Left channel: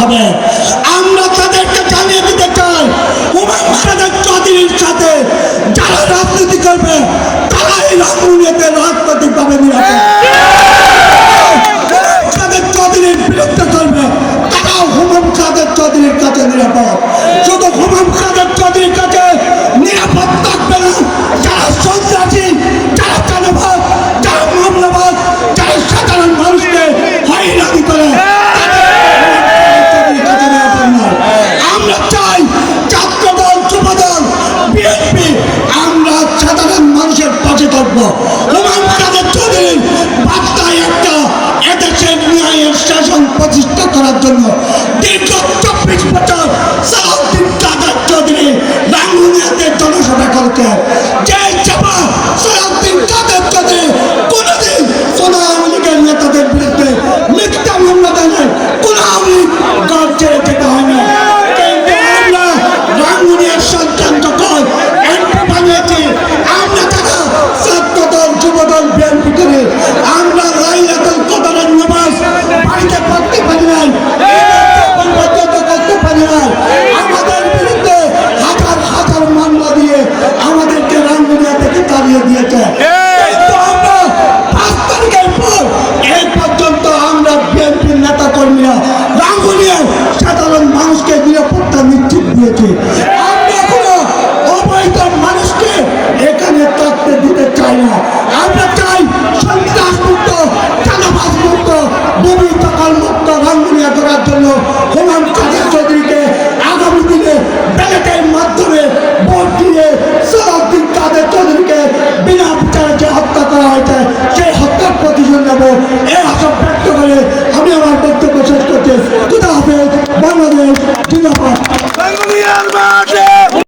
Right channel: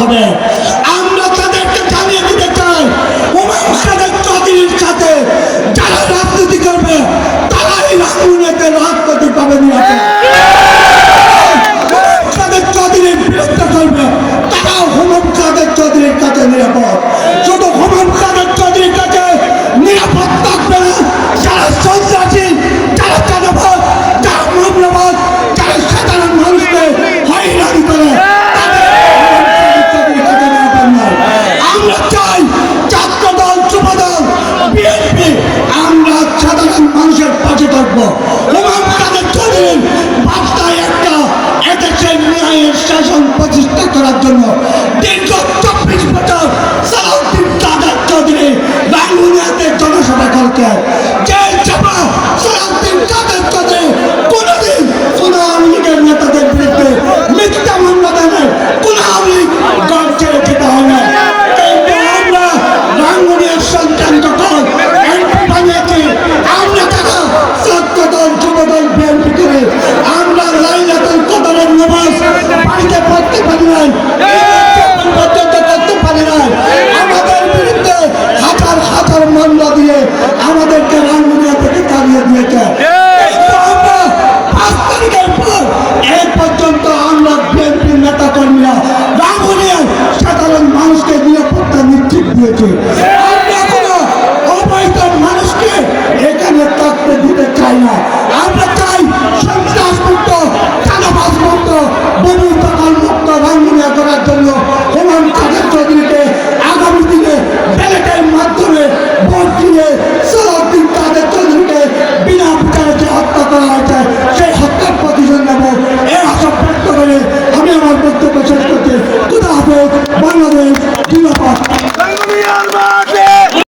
হবে। আমরা তাদেরকে জানিয়ে দিতে চাই, হুমায়ুন কাদের চৌধুরীর সাথে যারা রাজনীতি করবে তারাই রাঙ্গুনিয়াতে রাজনৈতিকভাবে নিরাপদ। হুমায়ুন কাদের চৌধুরীর বিরুদ্ধে চলবে তারাও হুমায়ুন কাদের চৌধুরীর কাছে নিরাপদ। শুধু হুমায়ুন কাদের চৌধুরীর কাছে নিরাপদ থাকবে না যারা সন্ত্রাসী, যারা চাঁদাবাজ, যারা মামলাবাজ, যারা সাধারণ মানুষকে হয়রানি করে আমরা চাই ছাত্রদল, যুবদল, বিএনপি আমরা সাধারণ মানুষের পাশে থাকবো। হুমায়ুন কাদের চৌধুরীর বার্তায় একটা এদেশের ন্যায়ের শাসন প্রতিষ্ঠা করার জন্য দীর্ঘ 24 বছর সালাউদ্দিন কাদের চৌধুরী রাঙ্গুনিয়াতে জনসভা করেছেন। যে সভা সালাউদ্দিন কাদের চৌধুরী কোনোদিন কোন আওয়ামী লীগের নেতাদের বিরুদ্ধে মিথ্যা মামলা দেন, কোন আওয়ামী লীগ গার্ড ছেড়ে যেতে হয় না। কিন্তু আমরা রাঙ্গুনিয়ার সন্তান যখন এমপি বানিয়েছি, আমরা যারা ছাত্রদল, যুবদল, বিএনপি করে আমরা লাইলাতুল কদরের নামাজ বাড়িতে পড়তে পারি নাই, পর্যন্ত করতে পারি নাই। আমাদের বিরুদ্ধে হাজার হাজার মামলা দিয়ে আমাদেরকে রাঙ্গুনিয়া থেকে তাড়িয়ে দিয়েছে। কিন্তু আমরা 5 তারিখের পর এই পর্যন্ত আমরা বিএনপির নেতা কর্মীরা রাঙ্গুনিয়ার সাধারণ মানুষকে নিরাপত্তা নিশ্চিত দিয়েছি। আমরা কোনো অবৈধ মানুষকে এখানে থাকতে দিতে চাই না।